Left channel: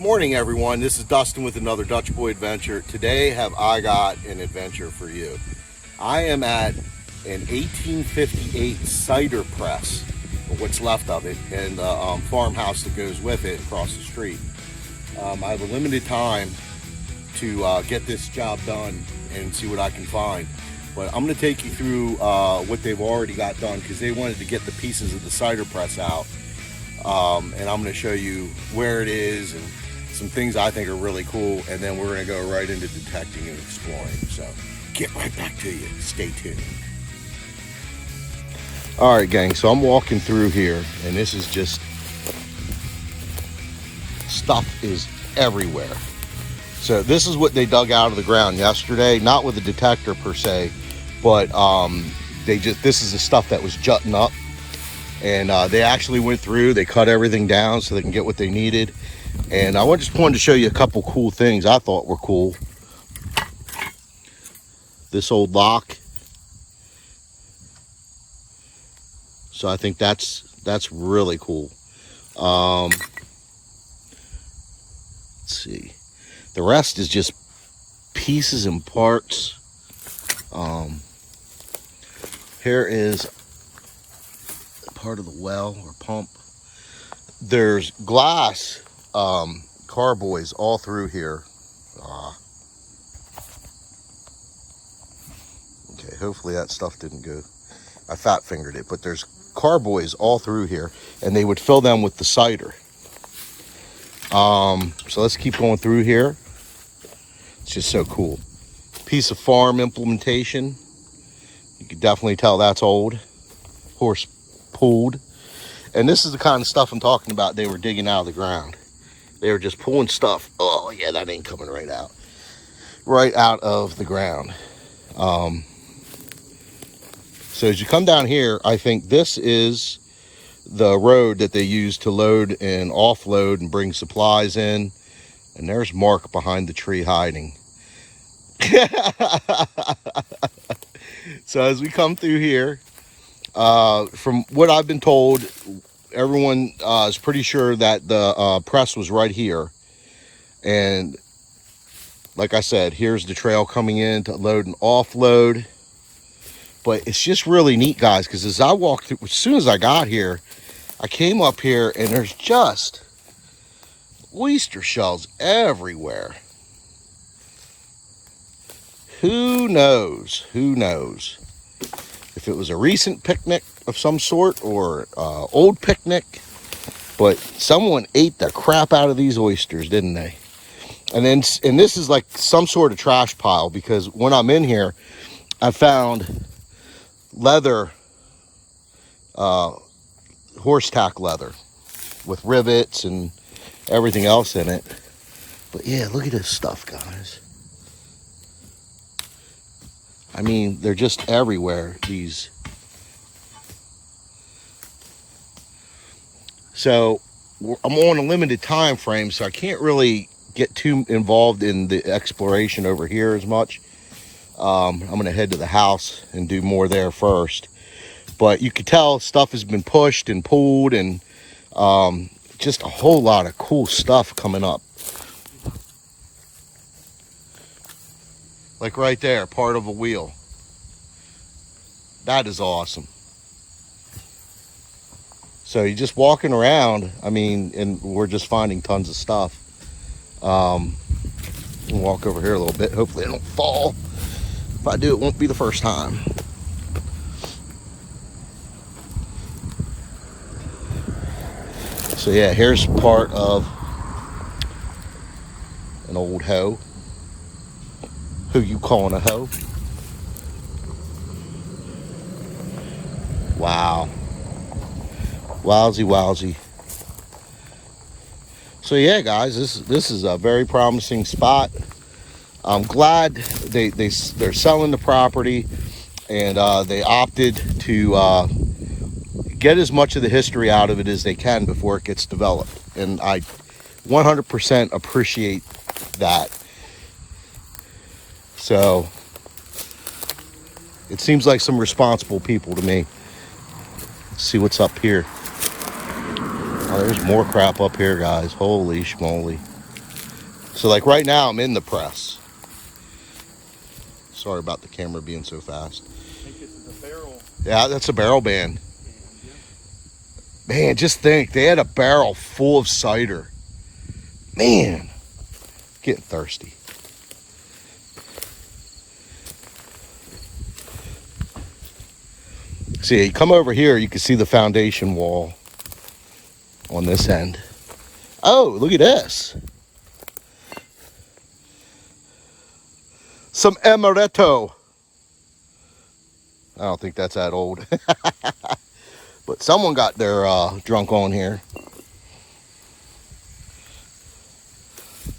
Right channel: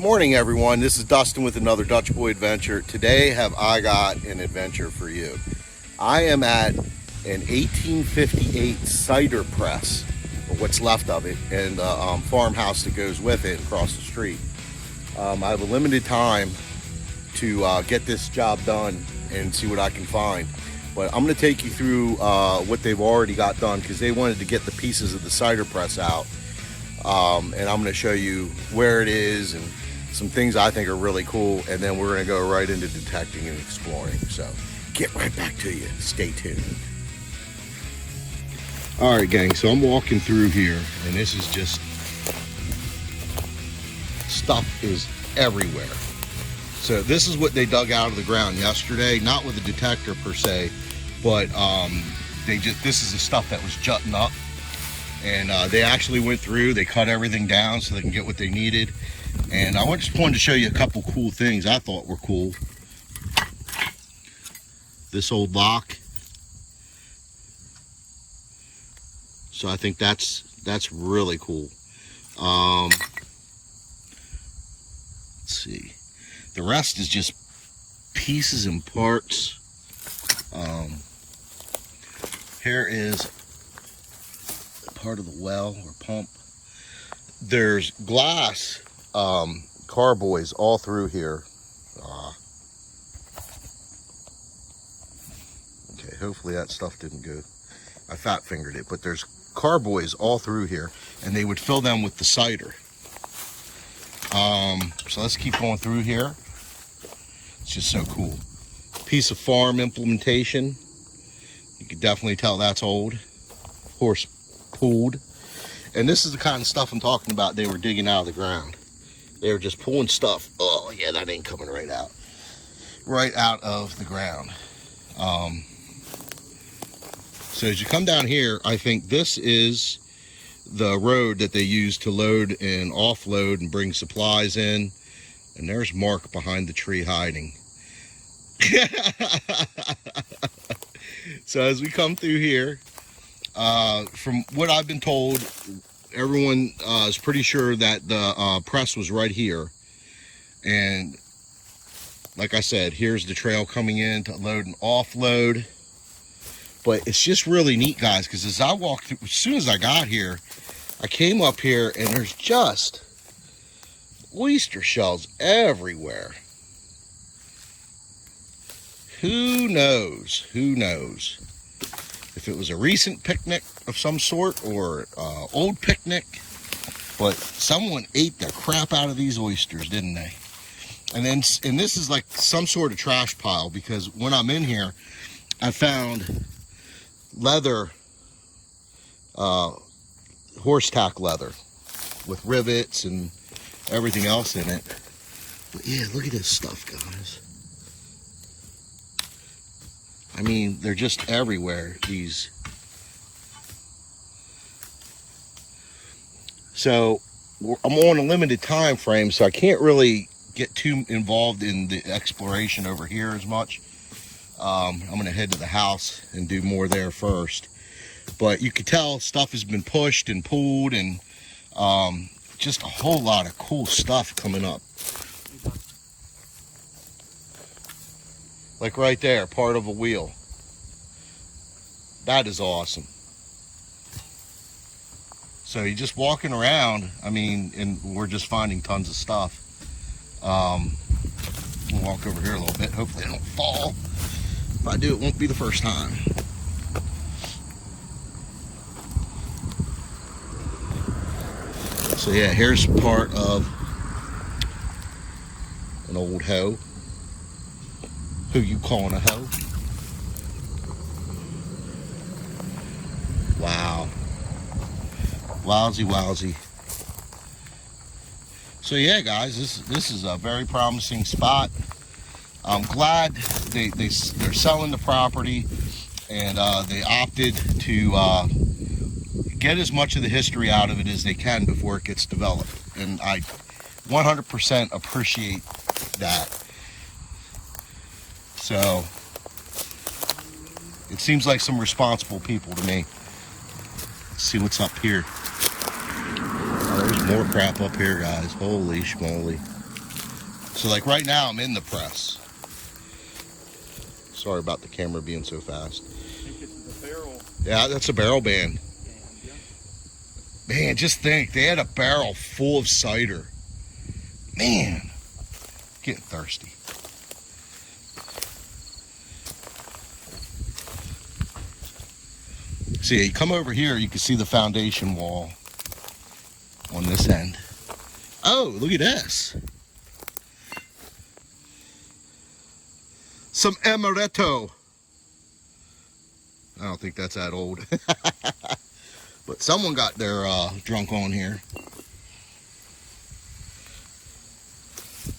Morning everyone, this is Dustin with another Dutch Boy Adventure. Today have I got an adventure for you. I am at an 1858 cider press, or what's left of it, and the farmhouse that goes with it across the street. I have a limited time to get this job done and see what I can find. But I'm going to take you through what they've already got done, because they wanted to get the pieces of the cider press out. And I'm going to show you where it is and some things I think are really cool, and then we're going to go right into detecting and exploring. So get right back to you. Stay tuned. All right, gang, so I'm walking through here, and this is just, stuff is everywhere. So this is what they dug out of the ground yesterday, not with a detector per se, but this is the stuff that was jutting up. And they actually went through, they cut everything down so they can get what they needed. And I just wanted to show you a couple cool things I thought were cool. This old lock. So I think that's really cool. Let's see. The rest is just pieces and parts. Here is part of the well or pump. There's glass carboys all through here. Okay, hopefully that stuff didn't go. I fat fingered it, but there's carboys all through here, and they would fill them with the cider. So let's keep going through here. It's just so cool. Piece of farm implementation. You can definitely tell that's old. Horse pulled. And this is the kind of stuff I'm talking about they were digging out of the ground. They were just pulling stuff. Oh yeah, that ain't coming right out. Right out of the ground. So as you come down here, I think this is the road that they use to load and offload and bring supplies in. And there's Mark behind the tree hiding. So as we come through here, from what I've been told, everyone is pretty sure that the press was right here. And like I said, here's the trail coming in to load and offload. But it's just really neat, guys, because as I walked through, as soon as I got here, I came up here and there's just oyster shells everywhere. Who knows? Who knows? If it was a recent picnic of some sort or old picnic, but someone ate the crap out of these oysters, didn't they? And this is like some sort of trash pile, because when I'm in here, I found leather, horse tack leather with rivets and everything else in it. But yeah, look at this stuff, guys. I mean, they're just everywhere, these. So I'm on a limited time frame, so I can't really get too involved in the exploration over here as much. I'm going to head to the house and do more there first. But you can tell stuff has been pushed and pulled, and just a whole lot of cool stuff coming up. Like right there, part of a wheel. That is awesome. So you're just walking around, I mean, and we're just finding tons of stuff. We'll walk over here a little bit. Hopefully I don't fall. If I do, it won't be the first time. So yeah, here's part of an old hoe. Who you calling a hoe? Wow. Wowsy, wowsy. So yeah, guys, this is a very promising spot. I'm glad they're selling the property, and they opted to get as much of the history out of it as they can before it gets developed. And I 100% appreciate that. So it seems like some responsible people to me. Let's see what's up here. Oh, there's more crap up here, guys. Holy schmoly. So like right now I'm in the press. Sorry about the camera being so fast. I think this is a barrel. Yeah, that's a barrel band. Yeah. Man, just think, they had a barrel full of cider. Man, getting thirsty. See, you come over here, you can see the foundation wall on this end. Oh, look at this. Some amaretto. I don't think that's that old. But someone got their drunk on here.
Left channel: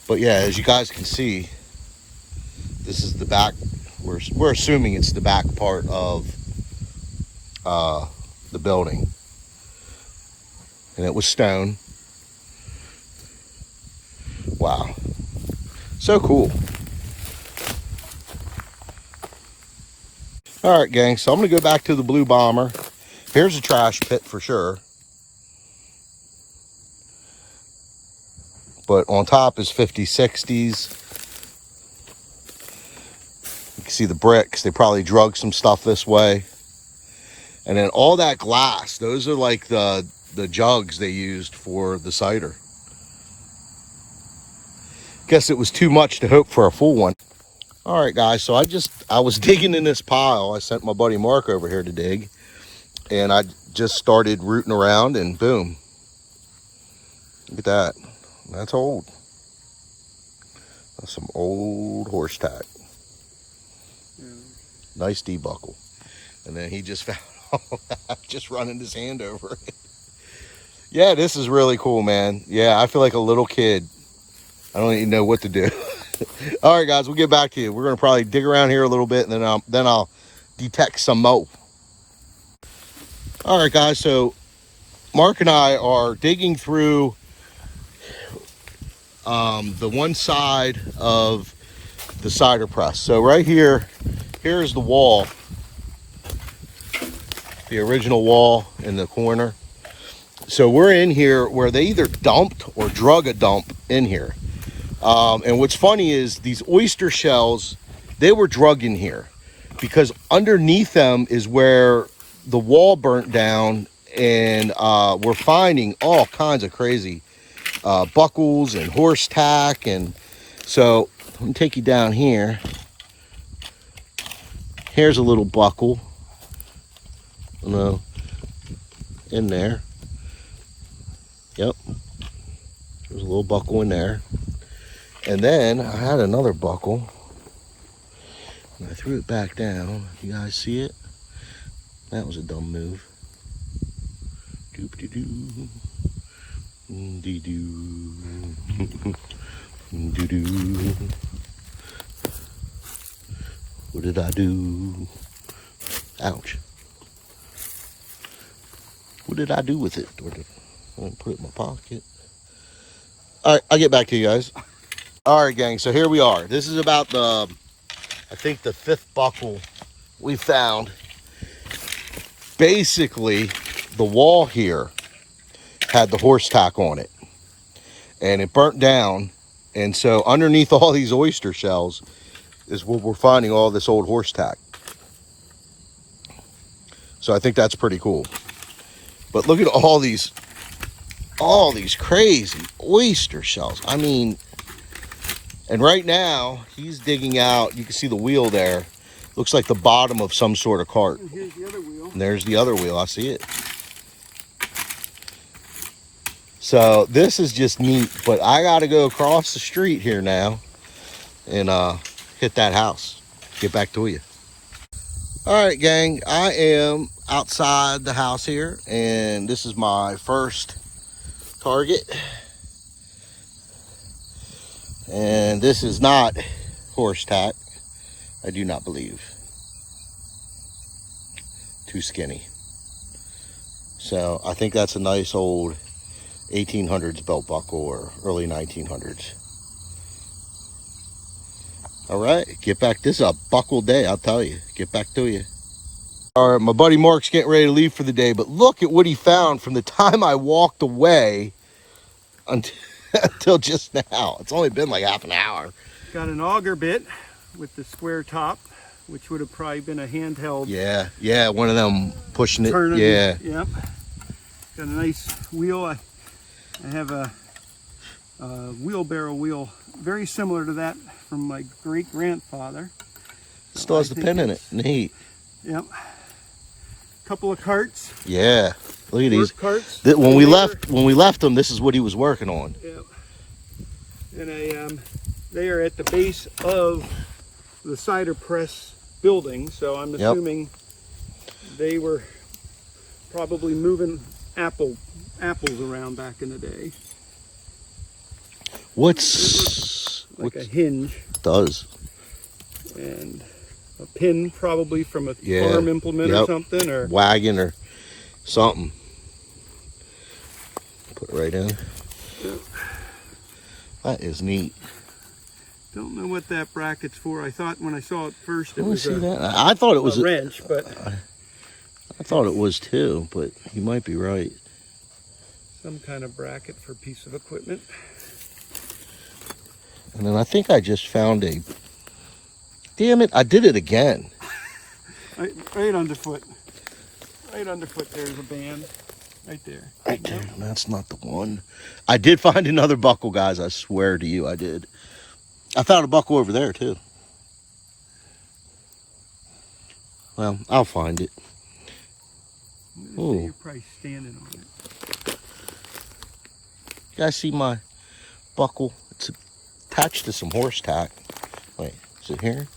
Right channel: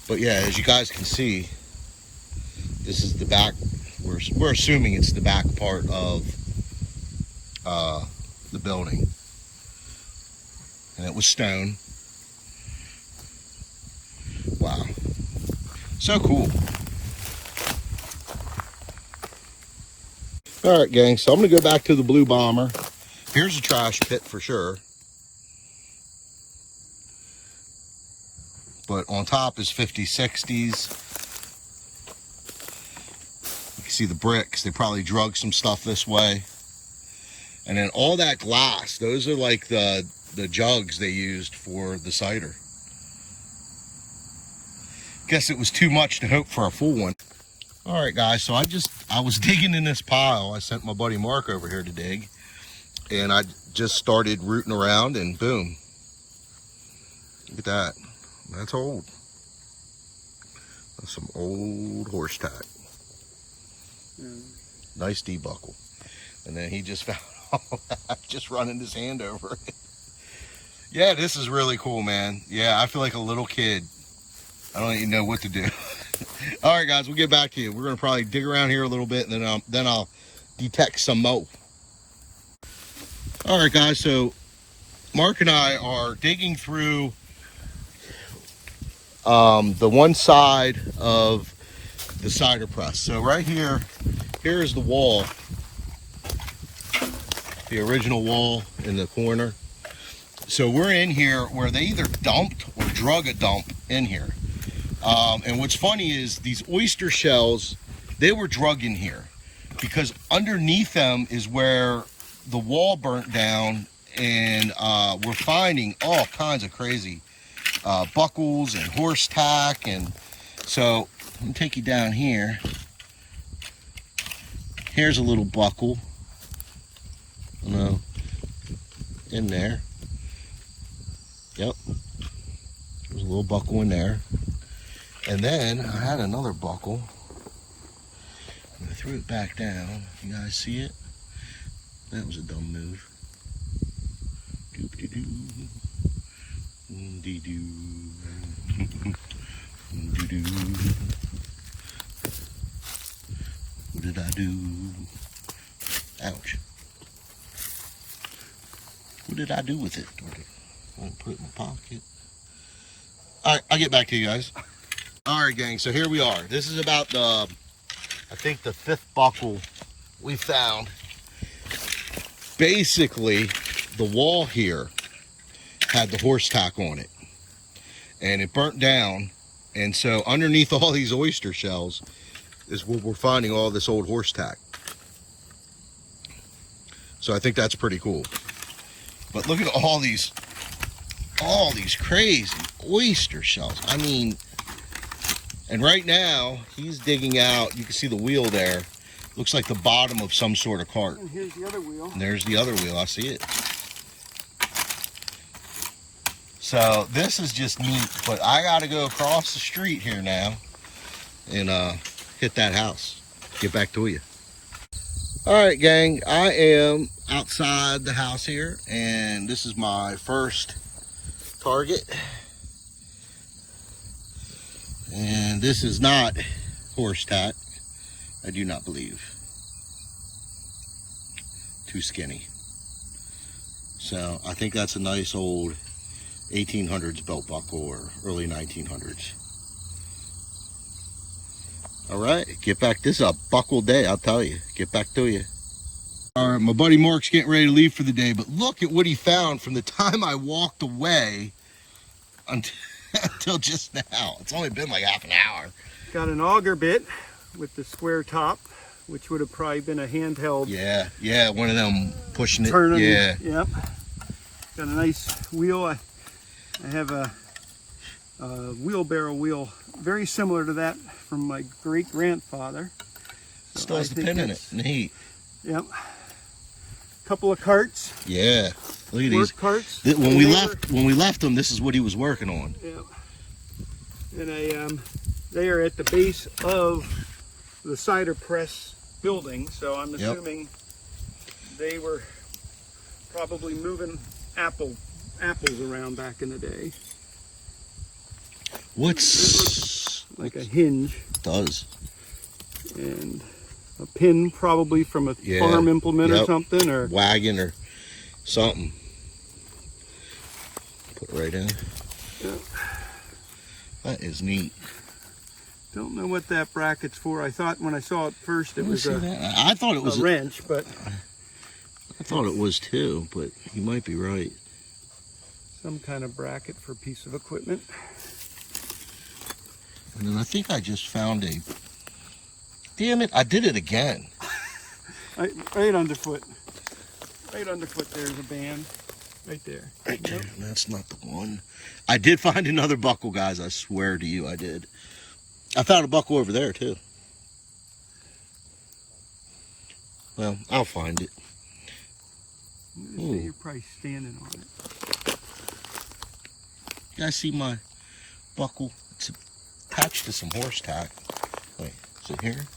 But yeah, as you guys can see, this is the back. We're assuming it's the back part of the building. And it was stone. Wow. So cool. All right, gang, so I'm gonna go back to the Blue Bomber. Here's a trash pit for sure. But on top is 50s, 60s. You can see the bricks. They probably drug some stuff this way. And then all that glass, those are like the jugs they used for the cider. Guess it was too much to hope for a full one. All right, guys, so I was digging in this pile. I sent my buddy Mark over here to dig. And I just started rooting around and boom. Look at that. That's old. That's some old horse tack. Nice debuckle. And then he just found all that, just running his hand over it. Yeah, this is really cool, man. Yeah, I feel like a little kid. I don't even know what to do. All right, guys, we'll get back to you. We're gonna probably dig around here a little bit, and then I'll detect some mo. All right, guys, so Mark and I are digging through the one side of the cider press. So right here is the wall, the original wall in the corner. So we're in here where they either dumped or drug a dump in here. And what's funny is these oyster shells, they were drugged in here because underneath them is where the wall burnt down, and we're finding all kinds of crazy buckles and horse tack. And so let me take you down here. Here's a little buckle, in there. Yep, there's a little buckle in there. And then I had another buckle, and I threw it back down. You guys see it? That was a dumb move. Doop-de-doo. Dee-doo. Doo-doo. What did I do? Ouch. What did I do with it? I put it in my pocket. All right, I'll get back to you guys. All right, gang, so here we are. This is about I think the 5th buckle we found. Basically, the wall here had the horse tack on it, and it burnt down. And so underneath all these oyster shells is where we're finding all this old horse tack. So I think that's pretty cool. But look at all these crazy oyster shells. I mean, and right now he's digging out, you can see the wheel there. Looks like the bottom of some sort of cart. And here's the other wheel. And there's the other wheel, I see it. So this is just neat, but I gotta go across the street here now and hit that house. Get back to you. All right, gang, I am outside the house here, and this is my first target. And this is not horse tack. I do not believe. Too skinny. So I think that's a nice old 1800s belt buckle or early 1900s. All right, get back. This is a buckle day, I'll tell you. Get back to you. All right, my buddy Mark's getting ready to leave for the day, but look at what he found from the time I walked away until until just now. It's only been like half an hour. Got an auger bit with the square top, which would have probably been a handheld. Yeah, one of them pushing it. Turning. Yeah. Yep. Got a nice wheel. I have a wheelbarrow wheel very similar to that from my great-grandfather. So Still has the pin in it. Neat. Yep. Couple of carts. Yeah. Look at Work these. carts. When we left them, this is what he was working on. Yeah. And they are at the base of the cider press building, so I'm assuming they were probably moving apples around back in the day. What's a hinge. Does. And a pin probably from a farm implement or something, or wagon or something. Put it right in. Yep. That is neat. Don't know what that bracket's for. I thought when I saw it first it was I thought it was a wrench, but I thought it was too, but you might be right. Some kind of bracket for a piece of equipment. And then I think I just found a... Damn it, I did it again. Right underfoot. Right underfoot there's a band. Right there. Right there. That's not the one. I did find another buckle, guys. I swear to you, I did. I found a buckle over there, too. Well, I'll find it. You're probably standing on it. You guys see my buckle? It's attached to some horse tack. Wait, is it here?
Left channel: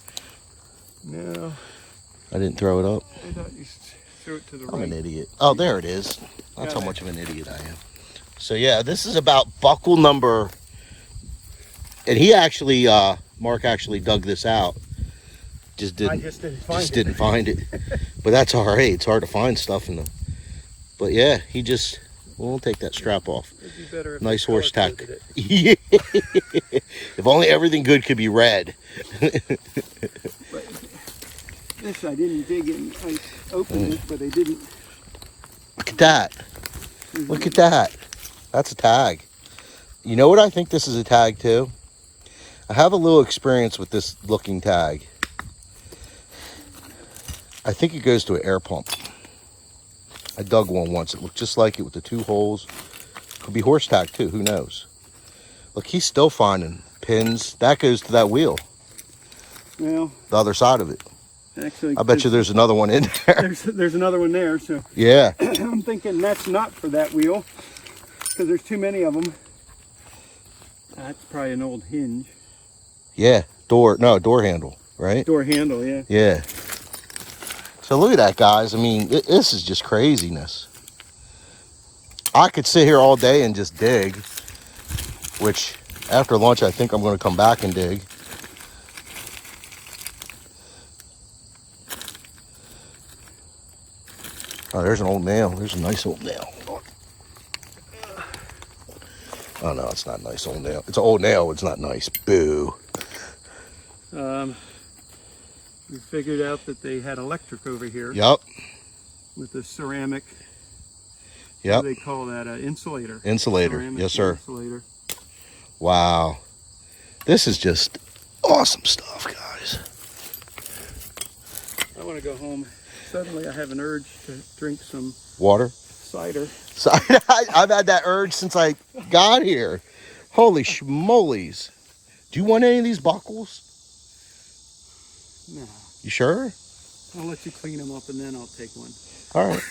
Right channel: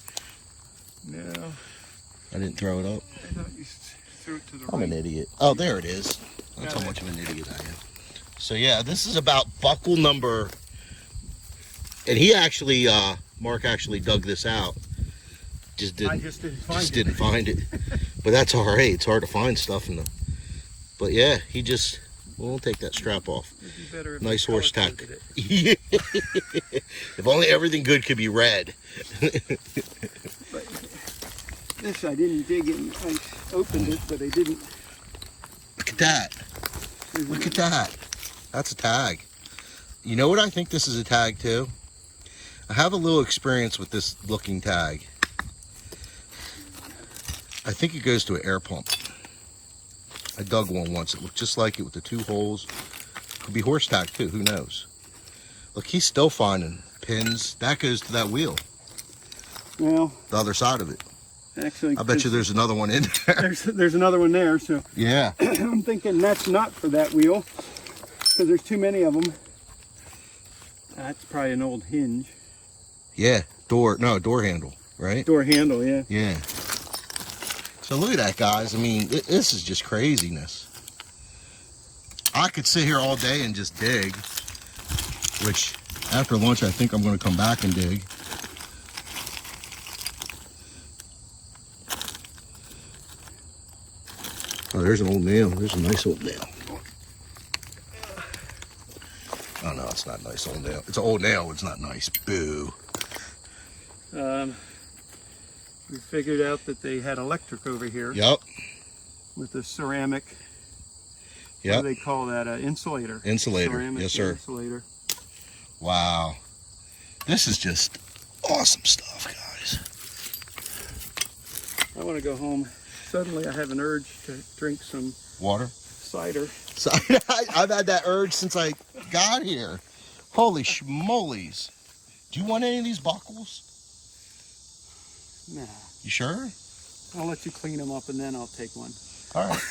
No. I didn't throw it up. I thought you threw it to the I'm right. an idiot. Oh, there it is. That's how much of an idiot I am. So yeah, this is about buckle number, and he actually, Mark actually dug this out. Just didn't find it. But that's all right. It's hard to find stuff in the. But yeah, he just. We'll take that strap off. Nice horse tack. If only everything good could be red. This I didn't dig in. I opened it, but I didn't. Look at that. Look at that. That's a tag. You know what I think this is a tag too? I have a little experience with this looking tag. I think it goes to an air pump. I dug one once. It looked just like it with the two holes. Could be horse tack too. Who knows? Look, he's still finding pins. That goes to that wheel. Well, the other side of it. Actually, I bet you there's another one in there. There's another one there. So yeah. I'm thinking that's not for that wheel because there's too many of them. That's probably an old hinge. Yeah. Door handle, right? Door handle, yeah. Yeah. So look at that, guys. I mean, this is just craziness. I could sit here all day and just dig, which after lunch, I think I'm going to come back and dig. Oh, there's an old nail. There's a nice old nail. Oh, no, it's not a nice old nail. It's an old nail. It's not nice. Boo. We figured out that they had electric over here. Yep. With the ceramic. Yep. What do they call that? Insulator. Insulator. Ceramic Yes, sir. Insulator. Wow. This is just awesome stuff, guys. I want to go home. Suddenly I have an urge to drink some water. Cider. I've had that urge since I got here. Holy schmolies. Do you want any of these buckles? No. You sure? I'll let you clean them up and then I'll take one. All right.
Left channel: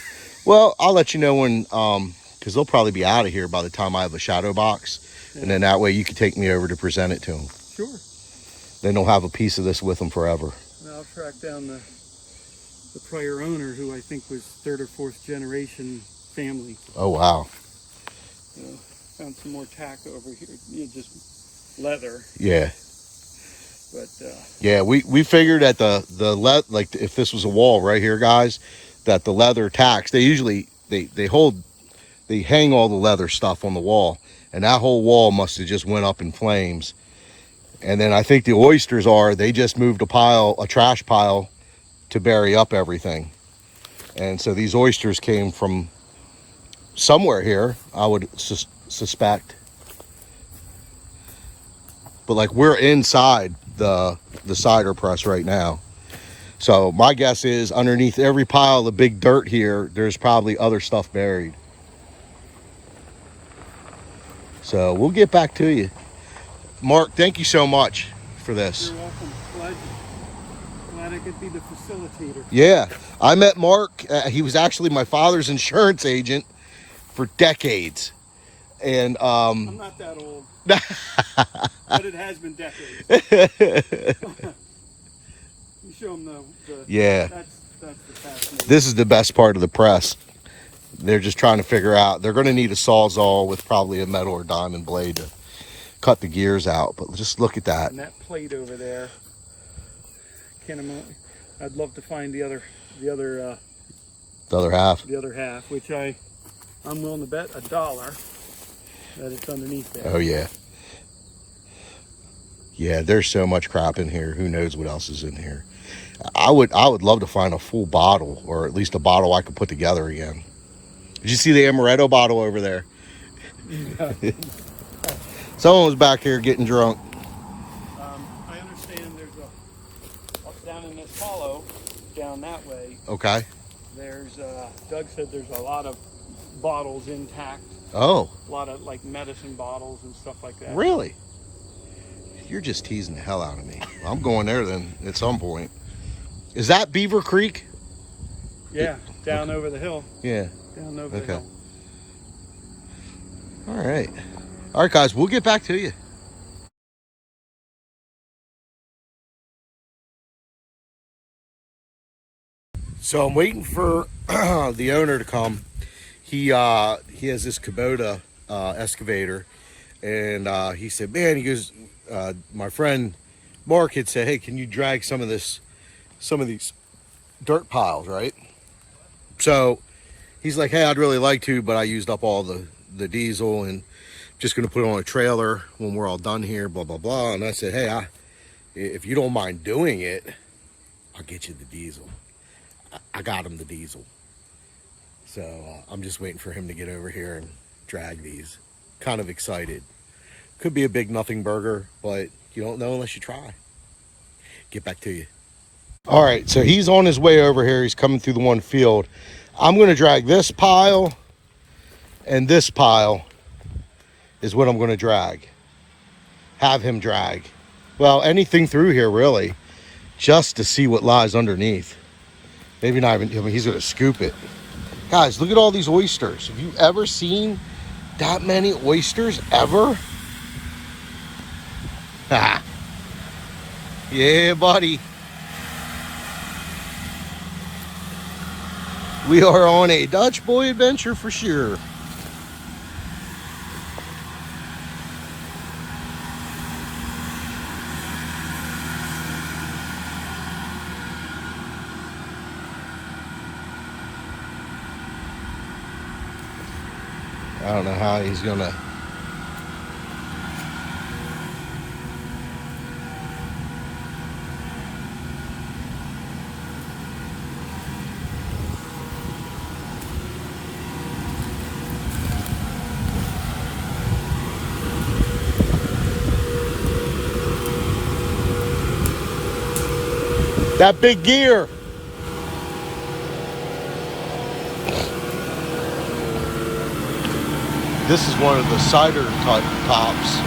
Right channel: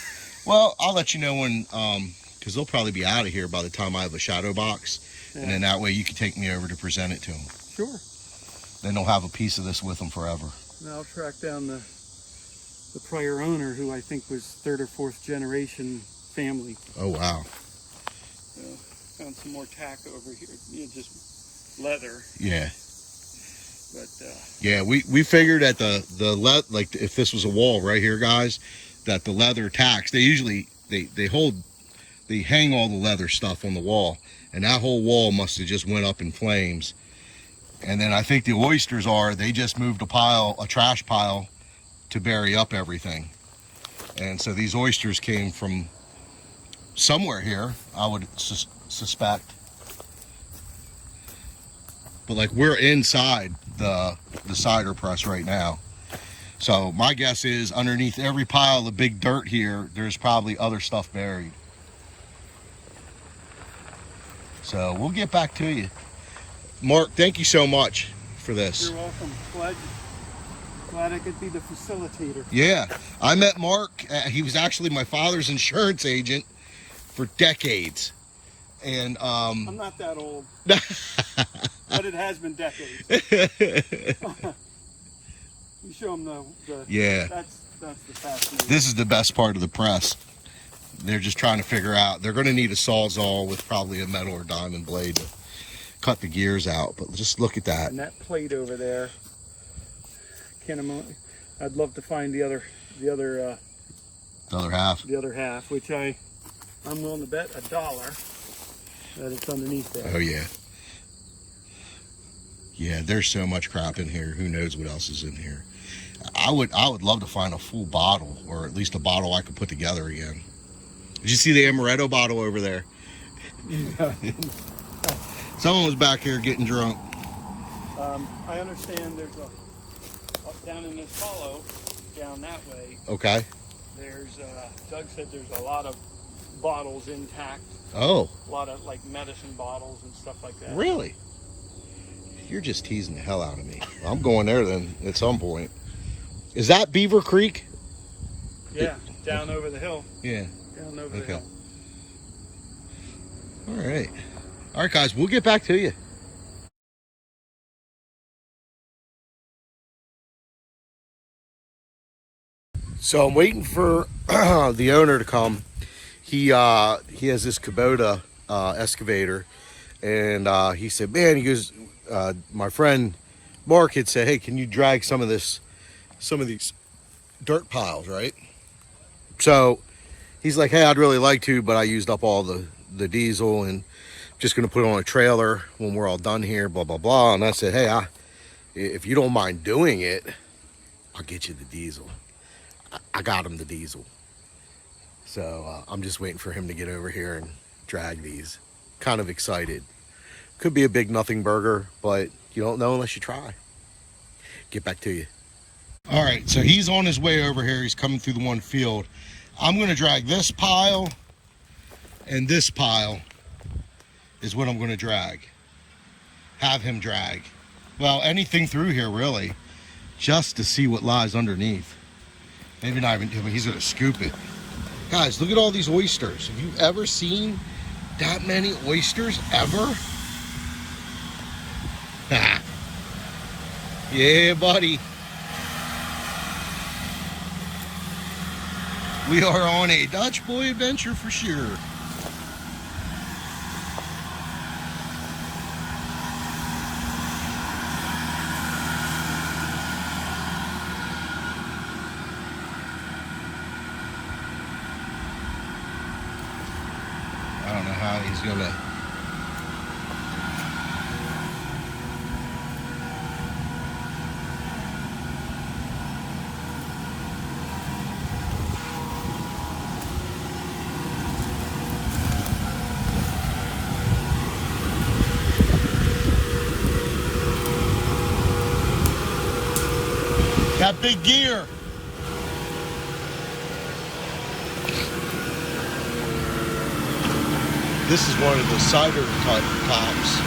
Well, I'll let you know when, because they'll probably be out of here by the time I have a shadow box. Yeah. And then that way you can take me over to present it to them. Sure. Then they'll have a piece of this with them forever. And I'll track down the prior owner, who I think was 3rd or 4th generation family. Oh, wow. Found some more tack over here, just leather. Yeah. But yeah, we figured at like if this was a wall right here, guys, that the leather tacks, they usually they hang all the leather stuff on the wall, and that whole wall must have just went up in flames. And then I think the oysters they just moved a trash pile to bury up everything. And so these oysters came from somewhere here, I would suspect. but like we're inside the cider press right now. So my guess is underneath every pile of big dirt here, there's probably other stuff buried. So we'll get back to you. Mark, thank you so much for this. You're welcome. Glad I could be the facilitator. Yeah, I met Mark. He was actually my father's insurance agent for decades. And I'm not that old, but it has been decades. You show them the yeah. That's the fascinating. This is the best part of the press. They're just trying to figure out. They're going to need a sawzall with probably a metal or diamond blade to cut the gears out. But just look at that. And that plate over there. I'd love to find the other half, which I'm willing to bet $1 that it's underneath there. Oh yeah. Yeah, there's so much crap in here. Who knows what else is in here? I would love to find a full bottle, or at least a bottle I could put together again. Did you see the amaretto bottle over there? Someone was back here getting drunk. I understand there's up down in this hollow, down that way. Okay. There's Doug said there's a lot of bottles intact. Oh. A lot of like medicine bottles and stuff like that. Really? You're just teasing the hell out of me. I'm going there then at some point. Is that Beaver Creek? Yeah, down over the hill. Yeah. Down over the Okay. hill. All right. All right, guys, we'll get back to you. So I'm waiting for the owner to come. He has this Kubota excavator, and he said, man, he goes, my friend Mark had said, hey, can you drag some of these dirt piles, right? So he's like, hey, I'd really like to, but I used up all the diesel and just gonna put it on a trailer when we're all done here, blah blah blah. And I said, hey, if you don't mind doing it, I'll get you the diesel. I got him the diesel. So I'm just waiting for him to get over here and drag these. Kind of excited. Could be a big nothing burger, but you don't know unless you try. Get back to you. All right, so he's on his way over here. He's coming through the one field. I'm gonna drag this pile, and this pile is what I'm gonna drag. Have him drag. Well, anything through here really, just to see what lies underneath. Maybe not even, I mean, he's gonna scoop it. Guys, look at all these oysters. Have you ever seen that many oysters ever? Ha. Yeah, buddy. We are on a Dutch boy adventure for sure. I don't know how he's gonna. That big gear. This is one of the cider tops.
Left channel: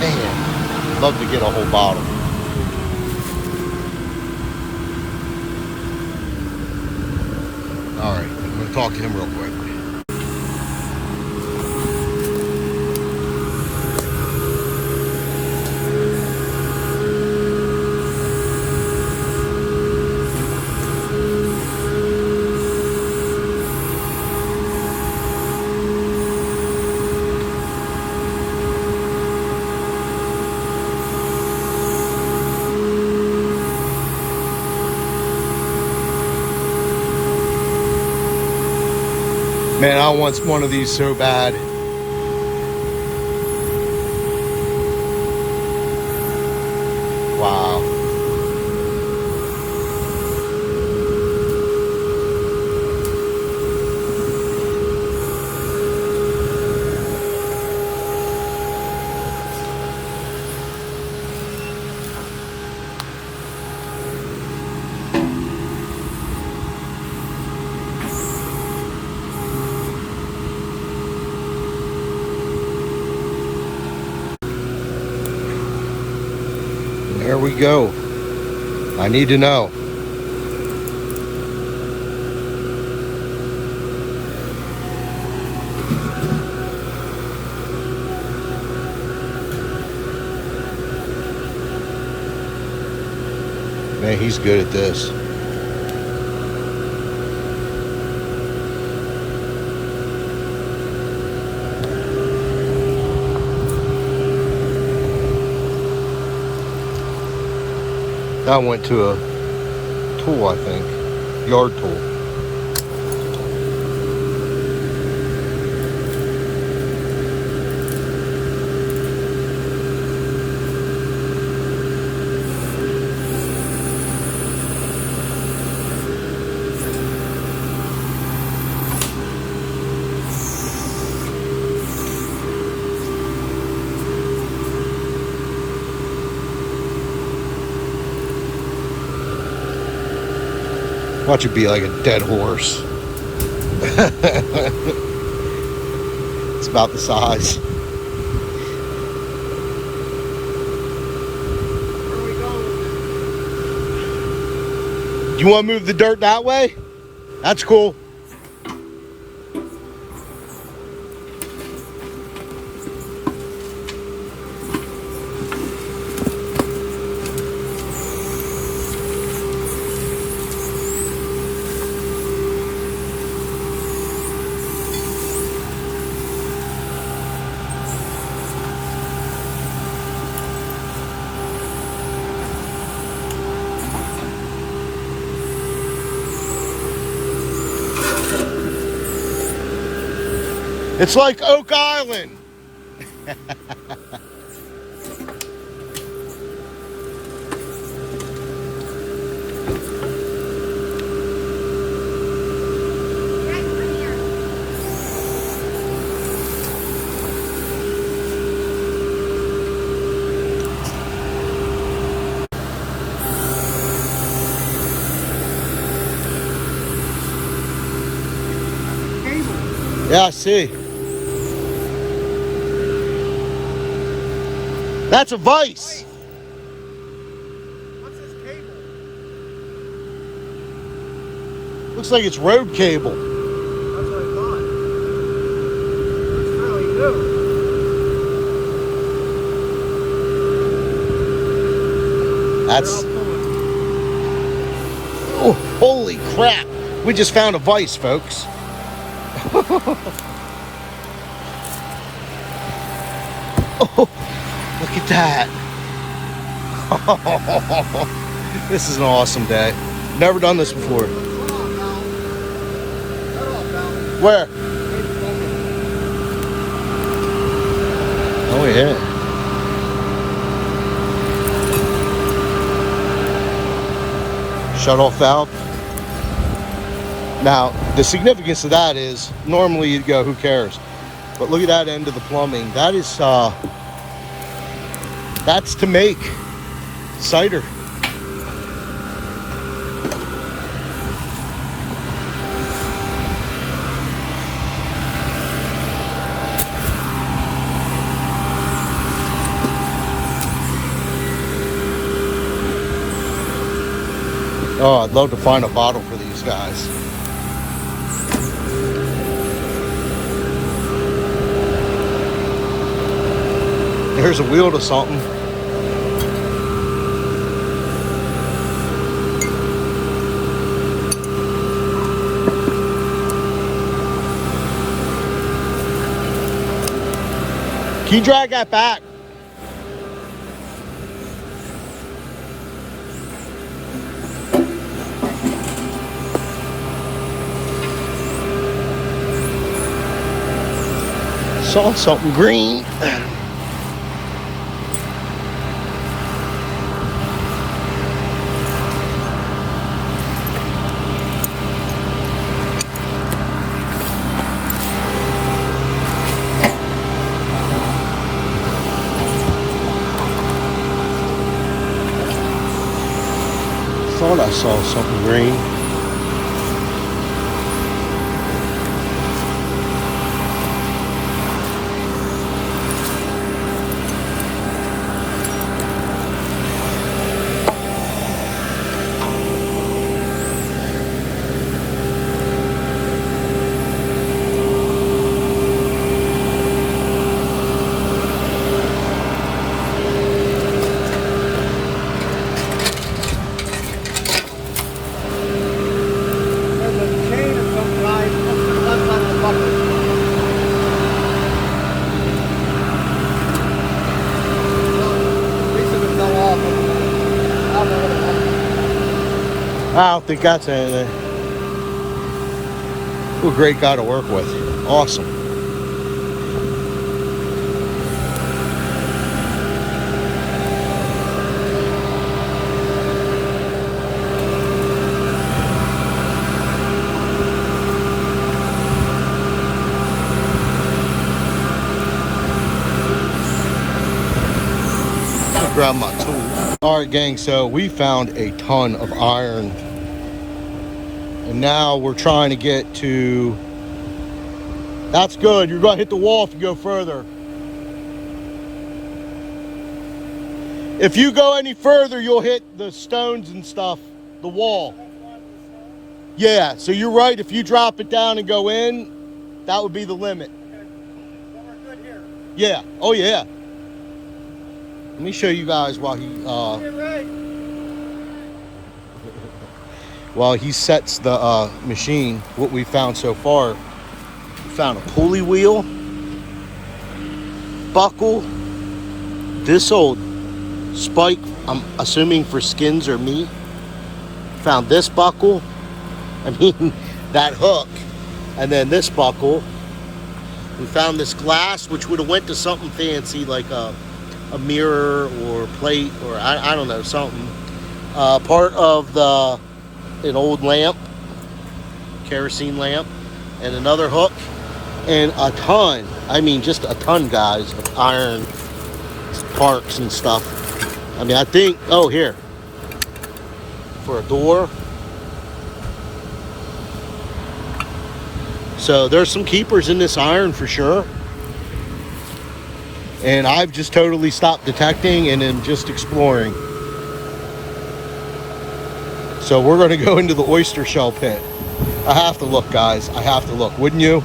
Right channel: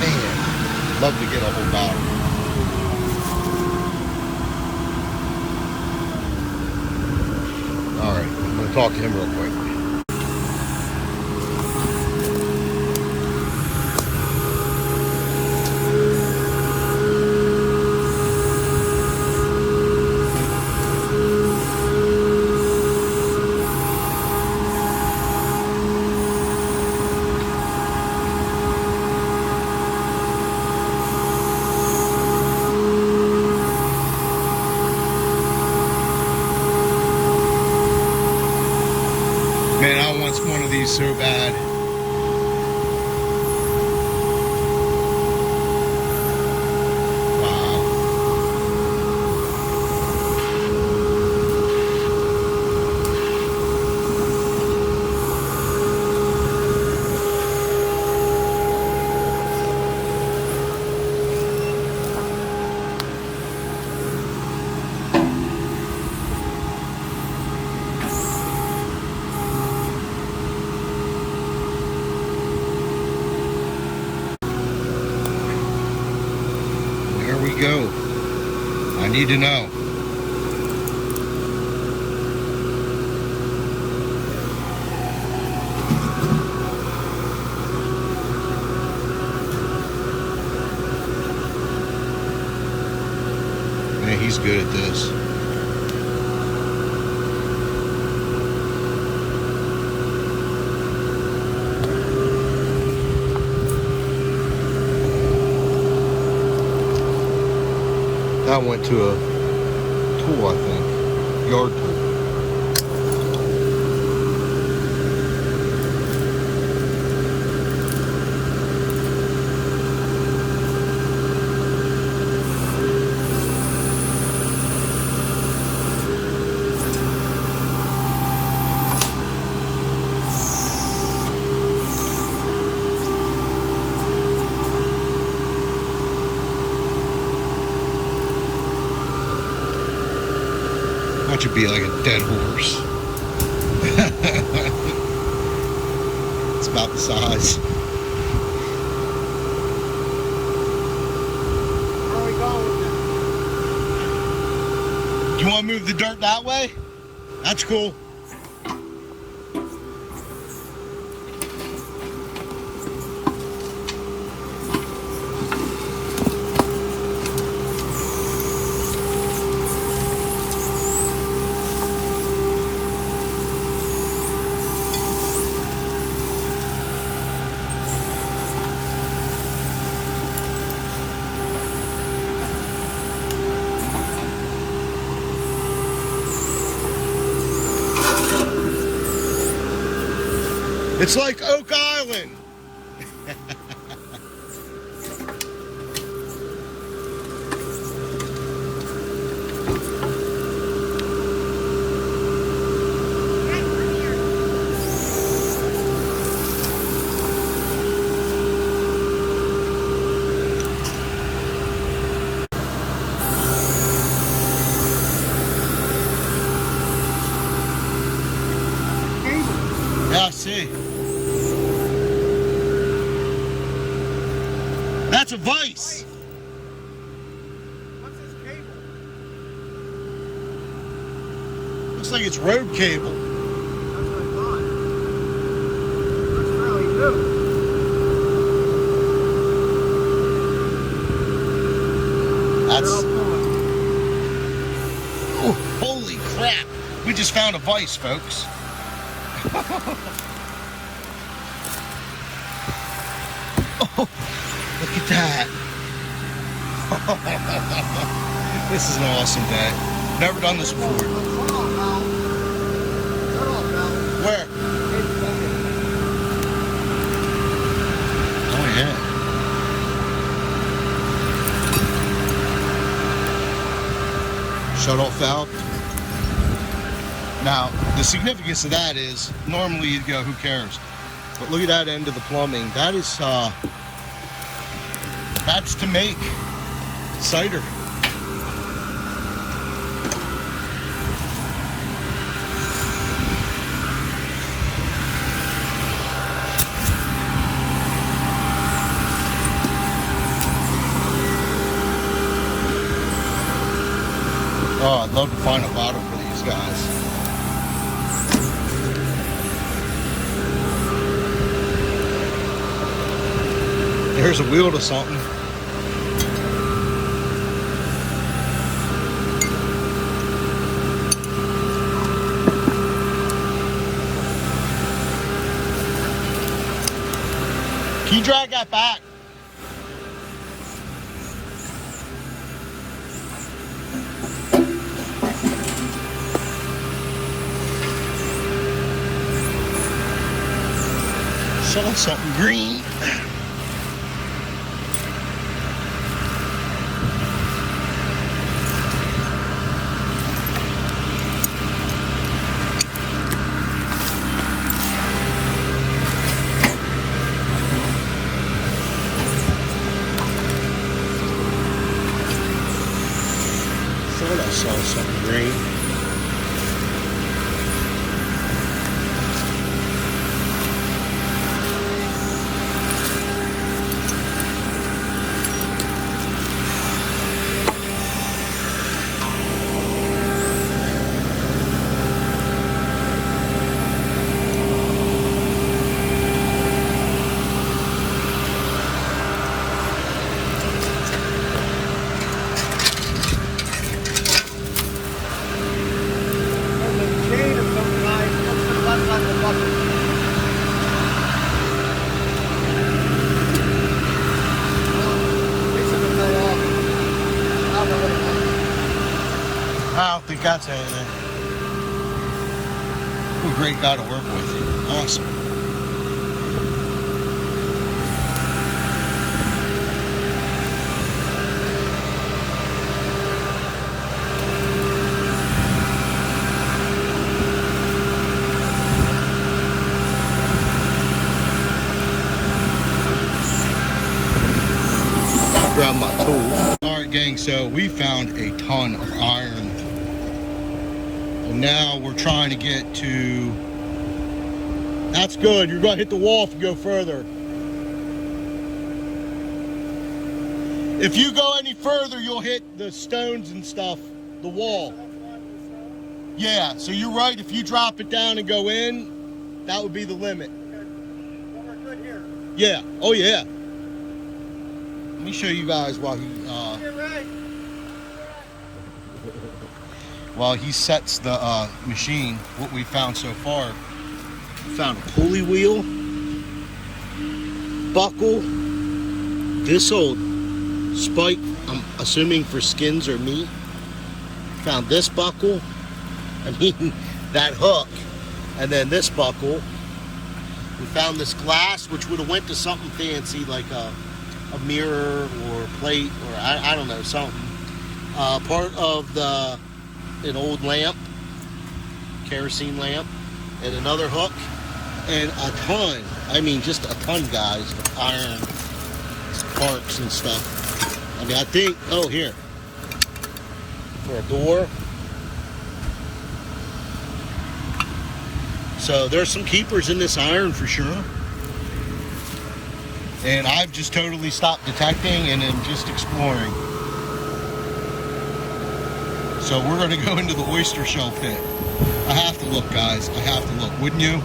Man, love to get a whole bottle. All right, I'm gonna talk to him real quick. Man, I want one of these so bad. Wow. There we go. I need to know. Man, he's good at this. That went to a tool, I think. Yard tool. Watch it be like a dead horse. It's about the size. Where are we going? Do you want to move the dirt that way? That's cool. It's like Oak Island. Yeah, I see. That's a vise. What's this cable? Looks like it's road cable. That's what I thought. That's really new. That's... Oh, holy crap. We just found a vise, folks. Oh, look at that. This is an awesome day. Never done this before. Where? Oh, yeah. Shut off valve. Now, the significance of that is normally you'd go, who cares? But look at that end of the plumbing. That is, that's to make cider. Oh, I'd love to find a bottle for these guys. Here's a wheel to something. Can you drag that back? Saw something green. Thought I saw something green. I don't think that's anything. What a great guy to work with. Awesome. Grab my tool. All right, gang, so we found a ton of iron, and now we're trying to get to, that's good, you're gonna hit the wall if you go further. If you go any further, you'll hit the stones and stuff, the wall. Yeah, so you're right, if you drop it down and go in, that would be the limit. Yeah, oh yeah. Let me show you guys while he sets the machine, what we found so far. We found a pulley wheel, buckle, this old spike, I'm assuming for skins or meat. Found this buckle, I mean that hook, and then this buckle. We found this glass, which would have went to something fancy like a mirror or plate, or I don't know, something. Part of an old lamp, kerosene lamp, and another hook, and a ton, I mean just a ton, guys, of iron parts and stuff. I mean, I think, oh, here, for a door. So there's some keepers in this iron for sure. And I've just totally stopped detecting and then just exploring. So we're going to go into the oyster shell pit. I have to look, guys. I have to look. Wouldn't you?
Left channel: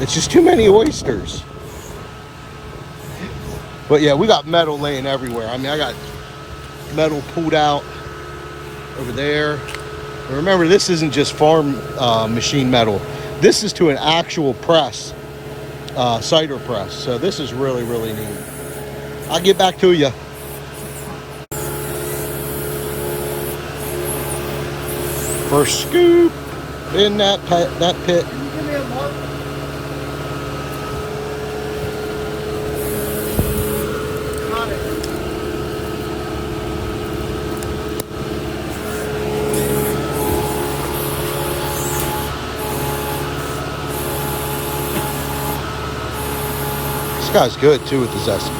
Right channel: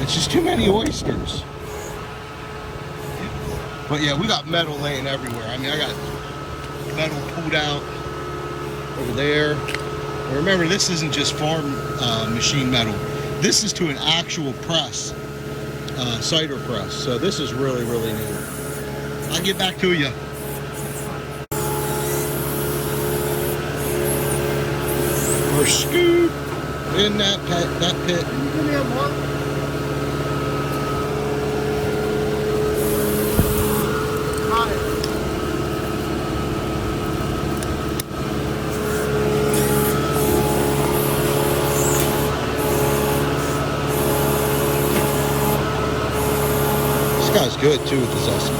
It's just too many oysters. But yeah, we got metal laying everywhere. I mean, I got metal pulled out over there. And remember, this isn't just farm machine metal. This is to an actual press. Cider press. So this is really, really neat. I'll get back to you. First scoop in that pit. Can you give me a mark? This guy's good too with the zest.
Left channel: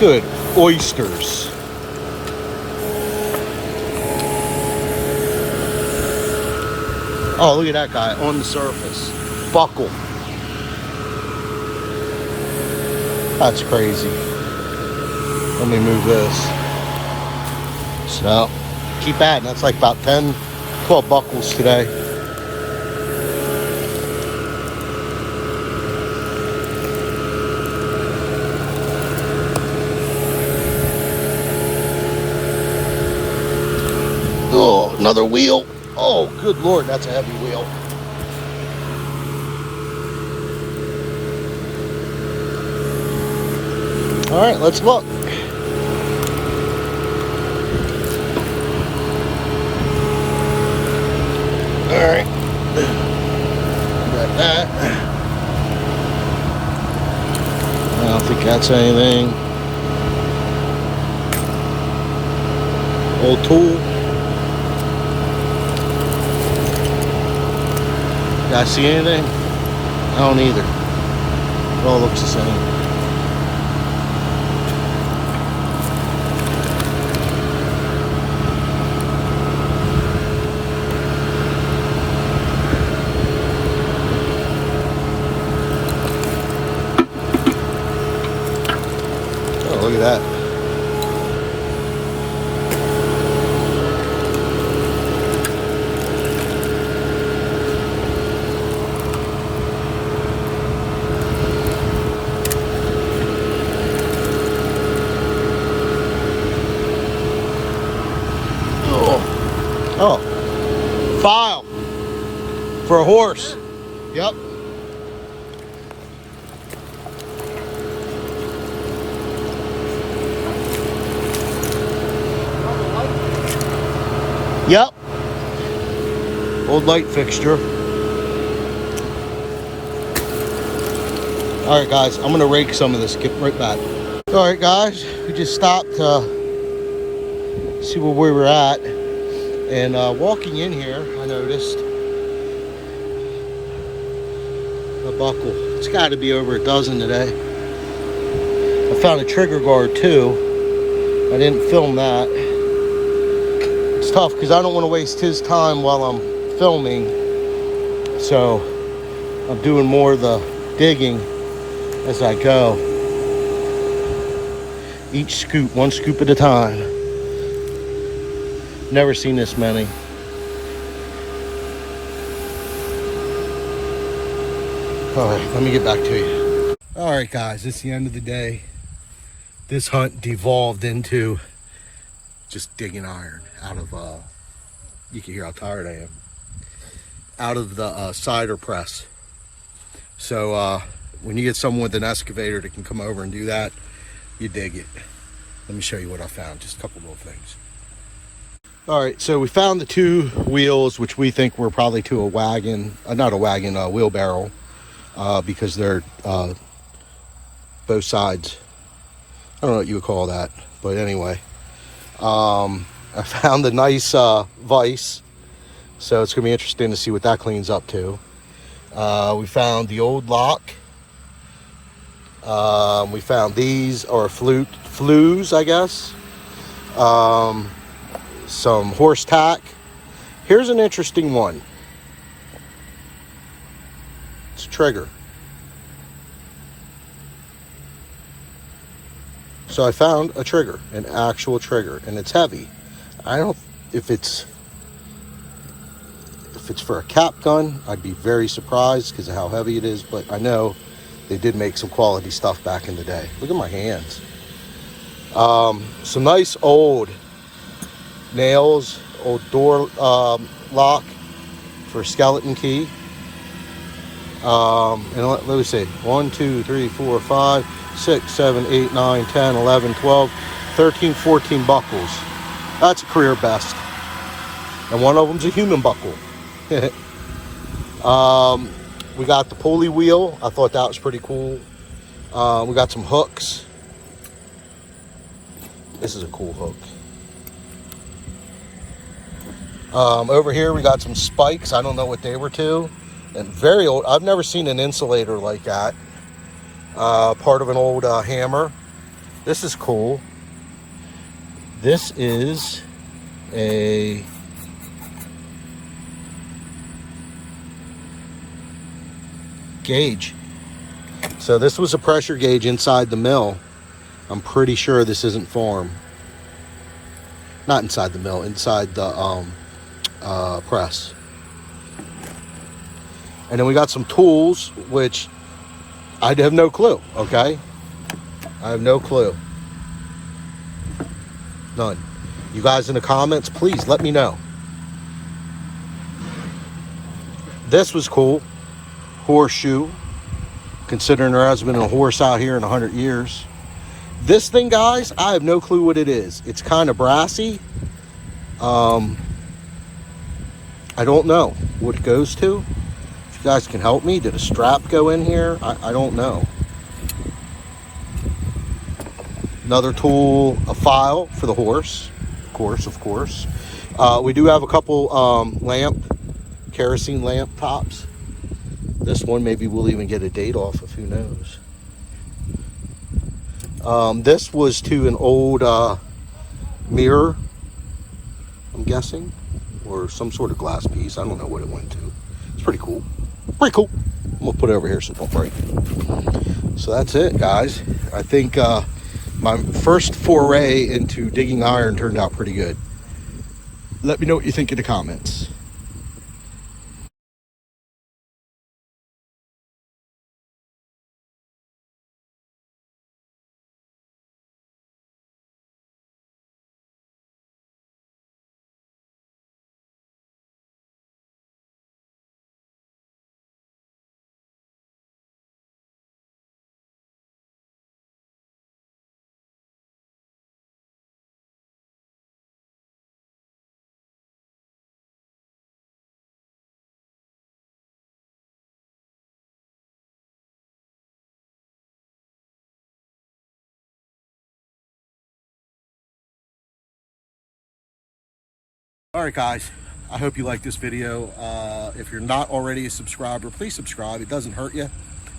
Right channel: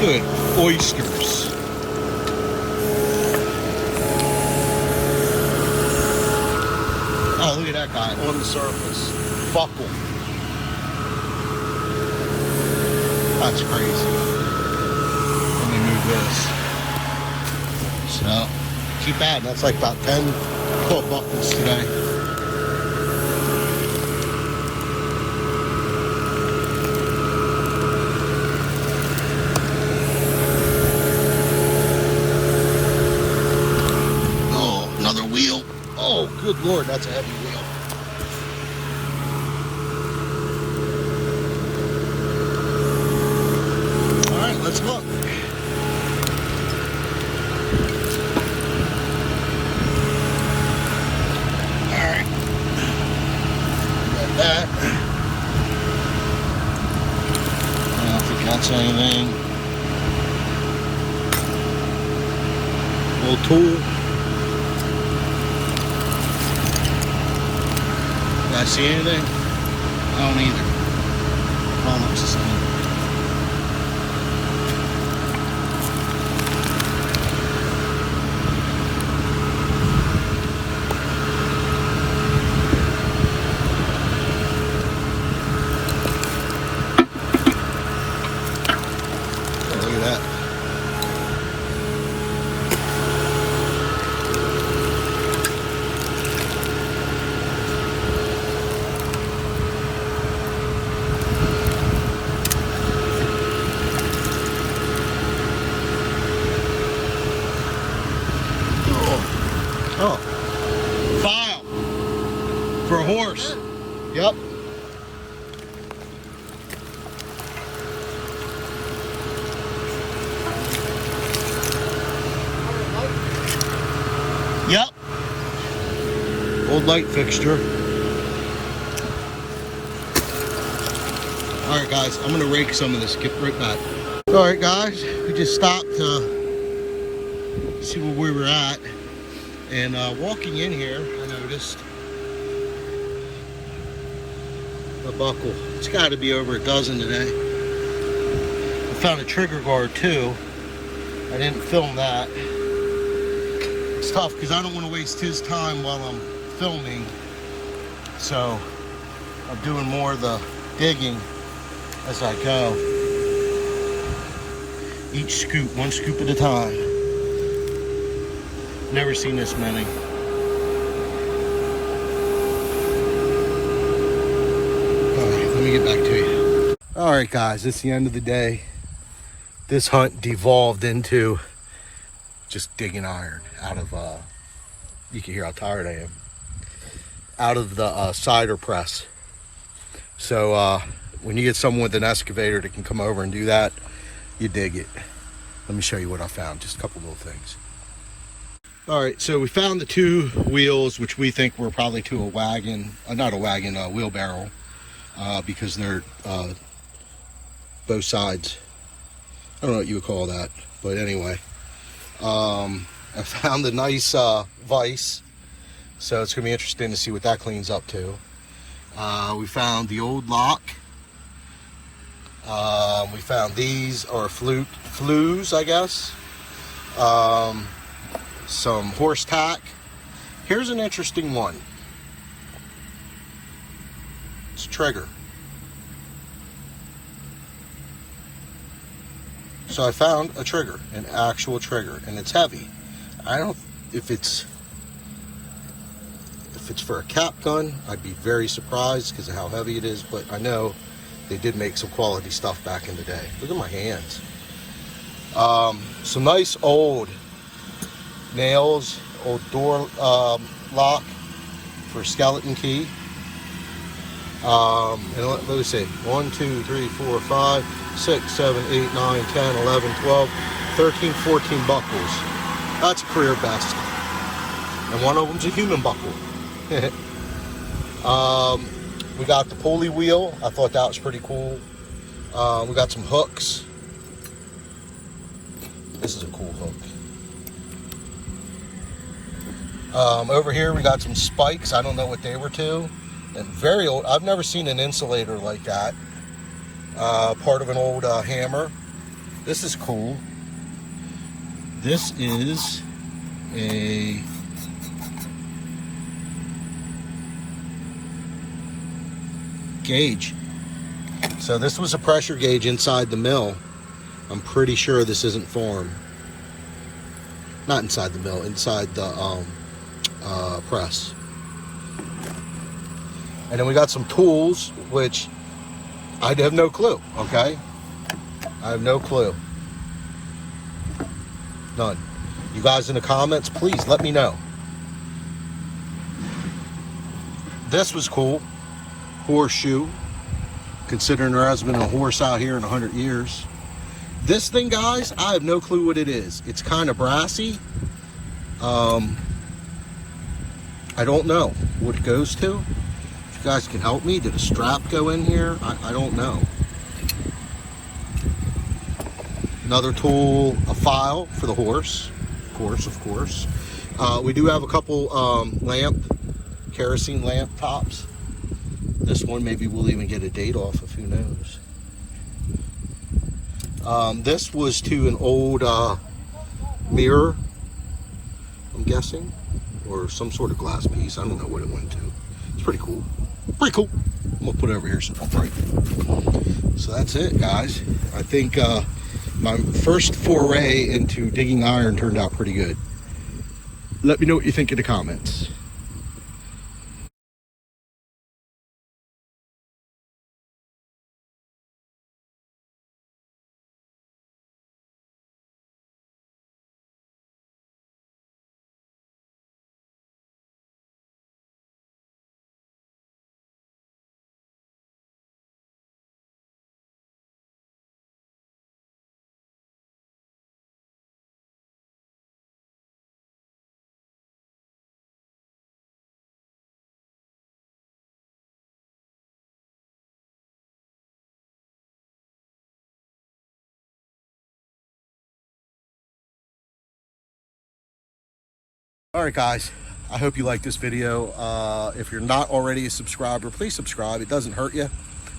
Good oysters. Oh, look at that guy on the surface. Buckle. That's crazy. Let me move this. So, keep adding. That's like about 10, 12 buckles today. Oh, another wheel. Oh, good Lord, that's a heavy wheel. All right, let's look. All right. Got that. I don't think that's anything. Old tool. Did I see anything? I don't either. It all looks the same. Look at that. Oh. Oh, file for a horse. Yep. Yep. Old light fixture. All right, guys, I'm gonna rake some of this, get right back. All right, guys, we just stopped to see where we were at. And walking in here, I noticed a buckle. It's gotta be over a dozen today. I found a trigger guard too. I didn't film that. It's tough because I don't want to waste his time while I'm filming. So I'm doing more of the digging as I go. Each scoop, one scoop at a time. Never seen this many. All right, let me get back to you. All right, guys, it's the end of the day. This hunt devolved into just digging iron out of, you can hear how tired I am, out of the cider press. So when you get someone with an excavator that can come over and do that, you dig it. Let me show you what I found, just a couple little things. All right, so we found the two wheels, which we think were probably to a wagon, not a wagon, a wheelbarrow, because they're both sides. I don't know what you would call that, but anyway. I found a nice vise, so it's gonna be interesting to see what that cleans up to. We found the old lock. We found these are flues, I guess. Some horse tack. Here's an interesting one. It's a trigger. So I found a trigger, an actual trigger, and it's heavy. I don't, if it's for a cap gun, I'd be very surprised because of how heavy it is, but I know they did make some quality stuff back in the day. Look at my hands. Some nice old nails, old door lock for a skeleton key. And let me see, 1, 2, 3, 4, 5, 6, 7, 8, 9, 10, 11, 12, 13, 14 buckles. That's a career best. And one of them's a human buckle. We got the pulley wheel. I thought that was pretty cool. We got some hooks. This is a cool hook. Over here we got some spikes. I don't know what they were to. And very old. I've never seen an insulator like that. Part of an old hammer. This is cool. This is a gauge. So this was a pressure gauge inside the mill. I'm pretty sure this isn't farm. Not inside the mill, inside the press. And then we got some tools, which I have no clue, okay? I have no clue. None. You guys in the comments, please let me know. This was cool. Horseshoe. Considering there hasn't been a horse out here in 100 years. This thing, guys, I have no clue what it is. It's kind of brassy. I don't know what it goes to. If you guys can help me, did a strap go in here? I don't know. Another tool, a file for the horse, of course. We do have a couple kerosene lamp tops. This one, maybe we'll even get a date off of, who knows. This was to an old mirror, I'm guessing, or some sort of glass piece. I don't know what it went to. It's pretty cool. Pretty cool. I'm gonna put it over here so it don't break. So that's it, guys. I think my first foray into digging iron turned out pretty good. Let me know what you think in the comments. All right, guys, I hope you like this video. If you're not already a subscriber, please subscribe. It doesn't hurt you. It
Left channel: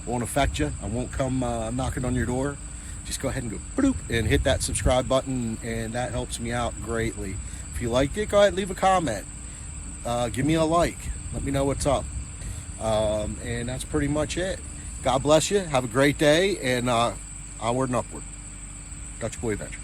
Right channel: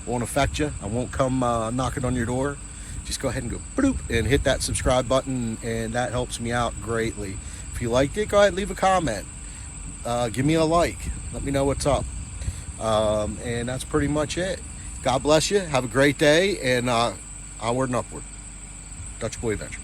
won't affect you. I won't come knocking on your door. Just go ahead and go bloop and hit that subscribe button, and that helps me out greatly. If you liked it, go ahead and leave a comment. Give me a like. Let me know what's up. And that's pretty much it. God bless you. Have a great day, and onward and upward. Dutch Boy Adventures.